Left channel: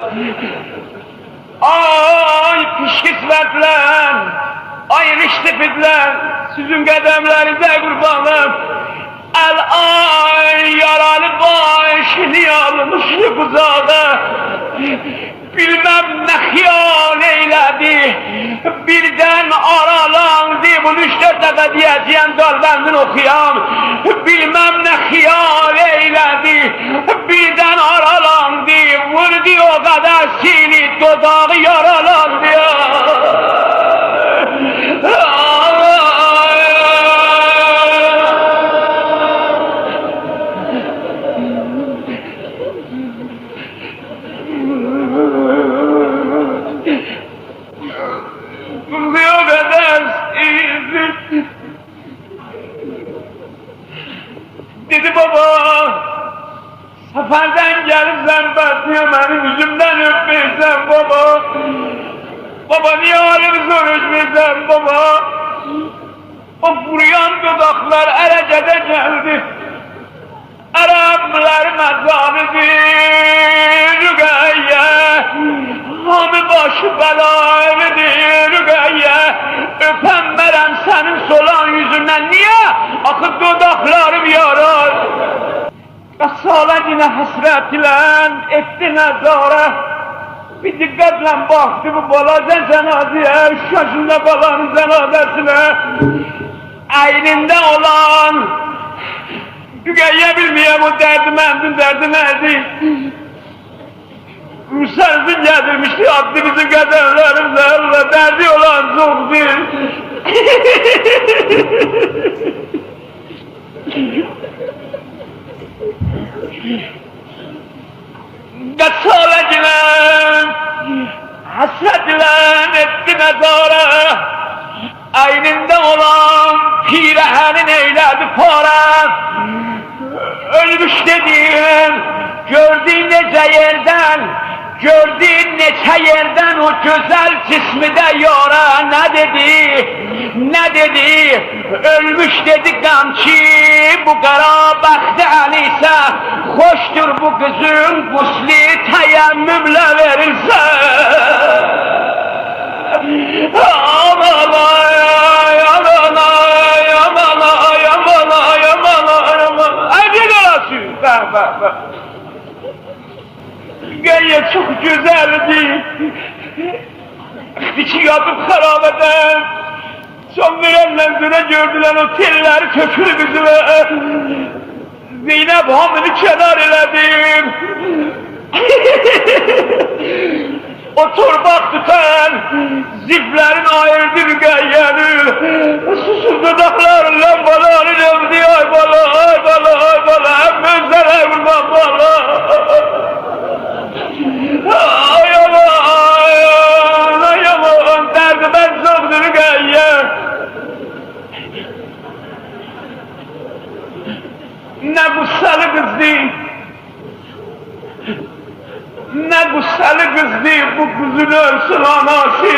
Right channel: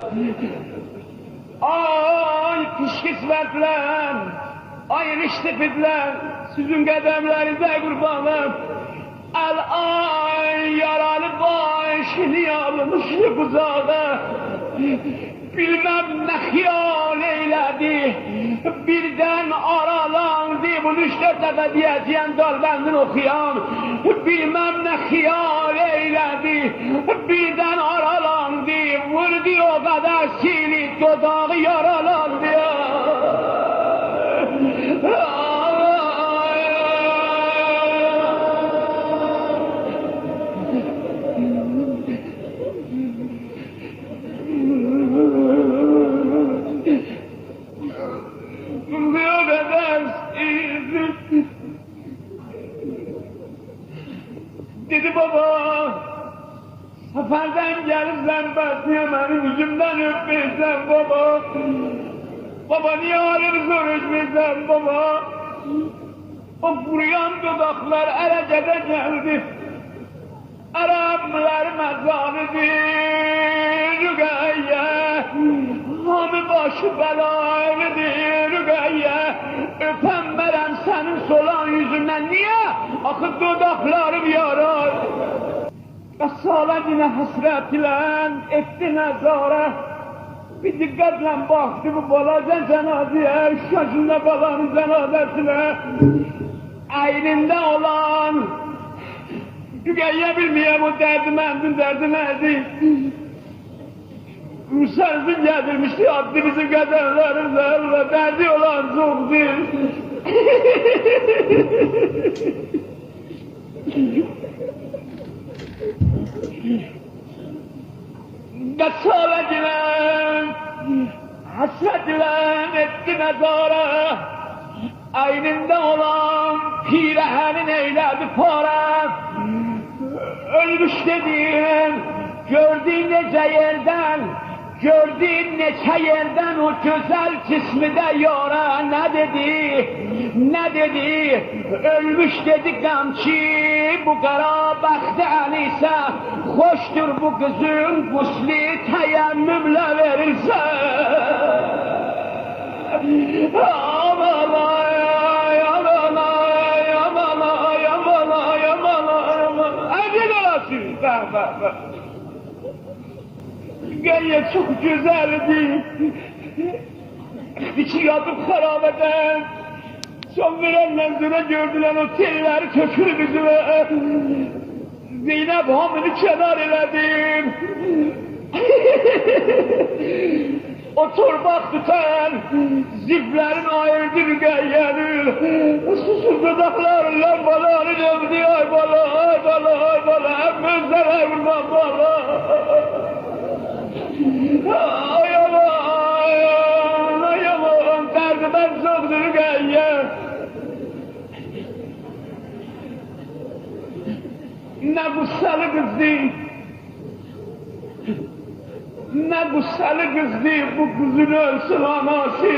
Ay pişkismetler, ay riştifidler, sizin qədəmlərinizə qurbanım. El ay yaralı başını almış kucağa. Bilmem ne xiyal eylədi, birdən aralandı. Bunu 3-4 dəfə deyəcəyəm, qalbəndən oxuyam. Bilmem ne xiyal eylədi, birdən aralandı. Vurdu o qədər sili, dodağı yaralandı. Dedi baba, seferden gelirsen besliyor benim yüzümden öpmeysen baba. Baba niye halimi soruşmaysan baba. O vuruyan dudaklar erecede geldi. Araplar mezarıdır Rügeyye. Hamı başı belaylıdır Rügeyye. Öpenmerem senin solan yüzünden niye? Akıp dudaklarım yarar. Salecine hasretiyle etti nezare. Bir dikkatle baktı bu balaca cenazeye. 3 yaşında balanın cenazesine. Eyninde olan Rügeyye bilmiyor bu derdi neydi? Müselsin getirmişti, attı bizim kadınlarımızla, derdi olan çoktu. Gasalecine, hasretle etti mezara. Eyninde olan pirehenin eyledi para. Ölmüş dediğin, gördüğün nece yerden, gördüğün neçe yerden o güzel cismi de yora ne dedi, ölmüş dedi kamçı, bu kara baktı aliyse, hoştur bu kızın gusli teyemmümle verilse. Aman ay, aman ay, aman ay, aman ay, aman ay, aman ay, ay bir arası, bak. Rügeyye çok güzeldi. İçi yatıp harabeden. Son verenler güne gördüler o telleri kökülü yüzüme. Zeynep hamını kenar eledim. O torbak tutan ziflerin ayırdı Rügeyye'ni. Susuz dudaklarla balanı dövdü. Ay bala, ay bala, ay bala. Hep gözlere vurmam bala. Ay aman, derdi ben çoktur Rügeyye. Ne gussalı kızdı, ne gussalı kızdı bu kızın ölsün anası.